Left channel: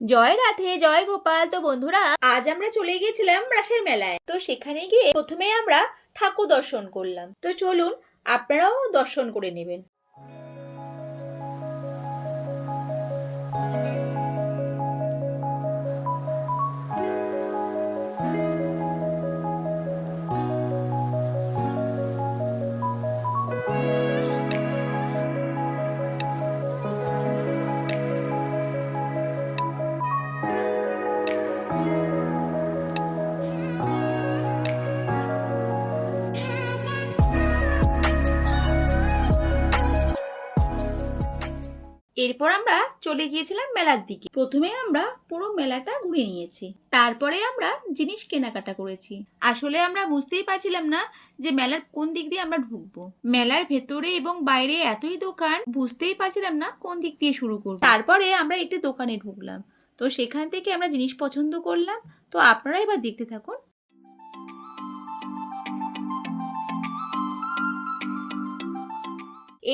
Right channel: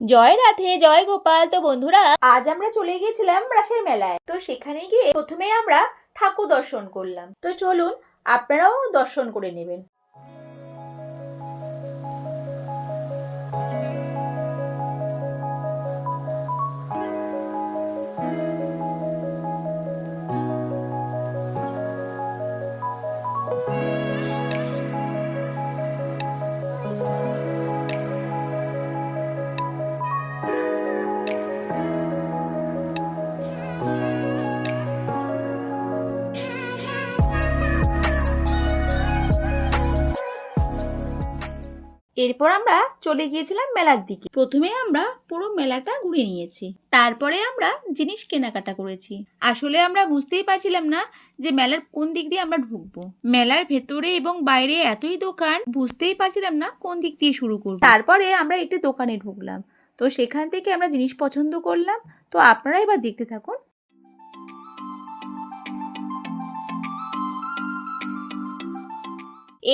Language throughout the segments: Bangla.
জয় রাধে, জয় গোপাল। তো বন্ধুরা, আজ আমরা চলে গিয়েছিলাম রাসের মেলায়। তো সেখানে গিয়ে প্রথমে আমরা ঠাকুর দর্শন করলাম। তো চলুন, আপনারাও দর্শন করে নেবেন। এরপর আমরা চলে গিয়েছিলাম মেলার দিকে। প্রথমে আমরা পুরো মেলাটা ঘুরে নিয়েছি, তারপরে আমরা জিনিস কেনাকাটা করেছি। আসলে আমরা বুঝতেই পারছিলাম না যে মেলার কোন দিক দিয়ে আমরা ঢুকবো। মেলার ভেতরে এবং বাইরে এতই দোকান, বুঝতেই পারছিলাম না কোন দিক দিয়ে শুরু করবো। তারপরে আমরা একটি দোকানে ঢুকলাম। তো সেখান থেকে আমরা জিনিস পছন্দ করলাম। তো আপনারা এবার দেখতে থাকুন।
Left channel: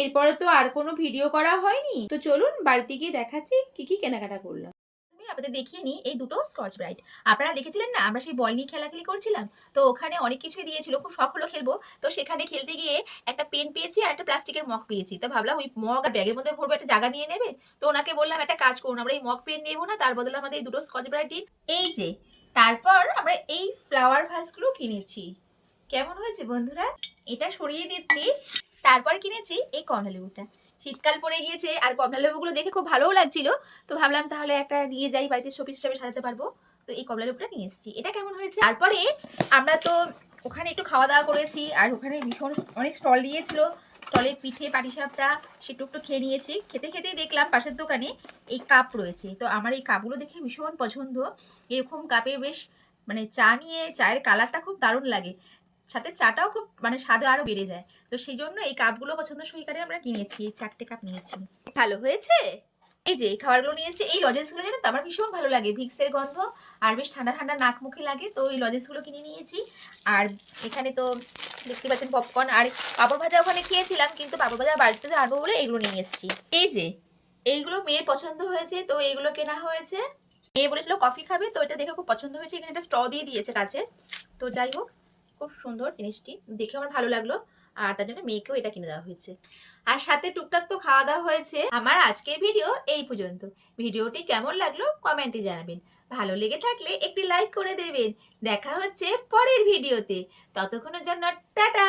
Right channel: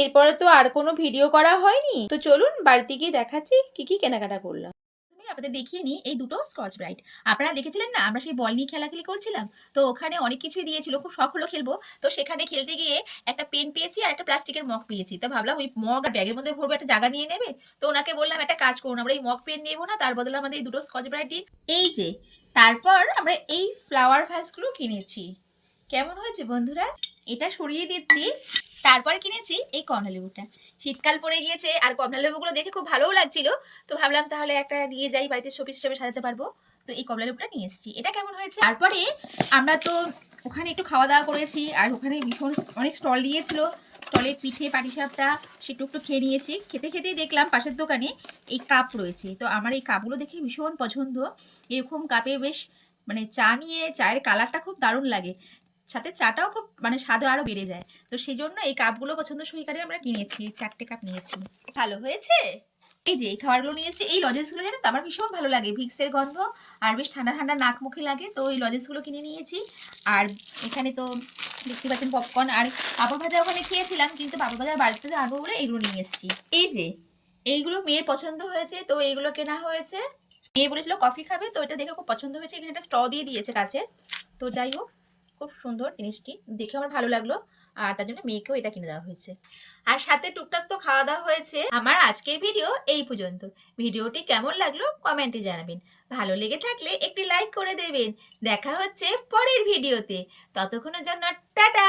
এরপরে তো আর কোনো ভিডিও করা হয়নি। তো চলুন বাড়িতে গিয়ে দেখাচ্ছি কি কি কেনাকাটা করলাম। আমি আপনাদের দেখিয়ে নিই এই দুটো স্কচ ব্রাইট। আপনারা দেখেছিলেন না আমরা সেই বল নিয়ে খেলাখেলি করছিলাম? তো ওখানে অনেক কিছুই দিয়েছিল, খুব শখ হলো খেলবো। তো সেখানে খেলতে গিয়ে একটা পেন পেয়েছি আর একটা প্লাস্টিকের মগ পেয়েছি। তো ভাবলাম ওই মগ আর ব্যাগের মধ্যে ভরবো, একটা জায়গা নিয়ে নেবে। তো ওনাকে বললাম একটা কাজ করুন, আমরা এই মগ পেন নেবো না, তার বদলে আমাদের এই দুটো স্কচ ব্রাইট দিন। এই যে, তারপর আমরা এই ফ্লাওয়ার ভাসগুলো কিনেছি। কেমন হয়েছে বন্ধুরা? এটা সরিয়ে দিচ্ছি। তারপরে কিনেছি এই কমলা লেবুটা। শীতকাল পড়ে গিয়েছে আর কমলা লেবুগুলো দেখে খুব ভালোও লাগছিল। তো ভাবলাম তাহলে একটা নিয়ে যাই, বাড়িতে শোপিস হিসেবে সাজাতে পারবো। তো এই কমলা লেবুটা নিয়ে এসেছি। এটা কেমন হয়েছে? তারপরে আমরা তো ওখানে একটু খাওয়া দাওয়া করেছি, আর ওখানে ভীষণ অনেক স্টল দিয়েছিল। স্টলে পিঠে পাটিসাপটা সেটু একটু খেয়ে নিয়েছি। খেতে খেতেই দেখলাম পাশের দোকানে এই কাপ রয়েছে। তো আমার এই কাপগুলো দেখে ভীষণ পছন্দ। এরকম কাপে বেশ মানে চা নিয়ে, চায়ের কালারটা খুব দারুণ লাগে, সাথে চাটাও খুব মানে স্বাদও আরও বেড়ে যায়। তো সেই জন্য এই কাপগুলো পছন্দ সহকারে আমরা কিনেছি। 4টে কাপ নিয়েছি। ভালো হয়েছে। এই যে এই খাবারগুলো নিয়েছি, এই লজেন্সগুলো জানেন তো আমার ভীষণ ভালো লাগে, ভিক্সের গন্ধ আর বেশ ঠান্ডা ঠান্ডা নাক মুখে লাগে। তো এই লজেন্সগুলো কিনে নিয়েছি। আর এখানে তো দেখতে পাচ্ছেন পপকর্ন আর পাপড় ভাজা ওখানে খেয়েছিলাম, কিন্তু পাপড় ভাজা বাড়িতে আনবো বলে এইগুলো নিয়ে এসেছি। এই যে এইগুলো মেয়ের পছন্দ হয়েছে, তো এইগুলো কেনা হয়েছে। মেয়ে বলেছিল কফি খাবে, তো এটা দেখে খুব পছন্দ হয়েছে। এখানে একটা স্ট্র দিয়ে দিয়েছে কাচের। তো যাই হোক, খুব সুন্দর জিনিসটি দেখে আমার ভালো লাগলো, আর তার জন্য মেয়েকেও এটা কিনে দেওয়া হয়েছে। আর সাথে টুকটাক তো খাওয়া দাওয়া হয়েছে। আমার আজকের ভিডিও এই পর্যন্ত। ভিডিওটি কেমন লাগলো কমেন্টে জানাবেন। ভালো লেগে থাকলে একটি লাইক করে দেবেন। দেখা হচ্ছে পরের ভিডিওতে। ততক্ষণের জন্য টাটা।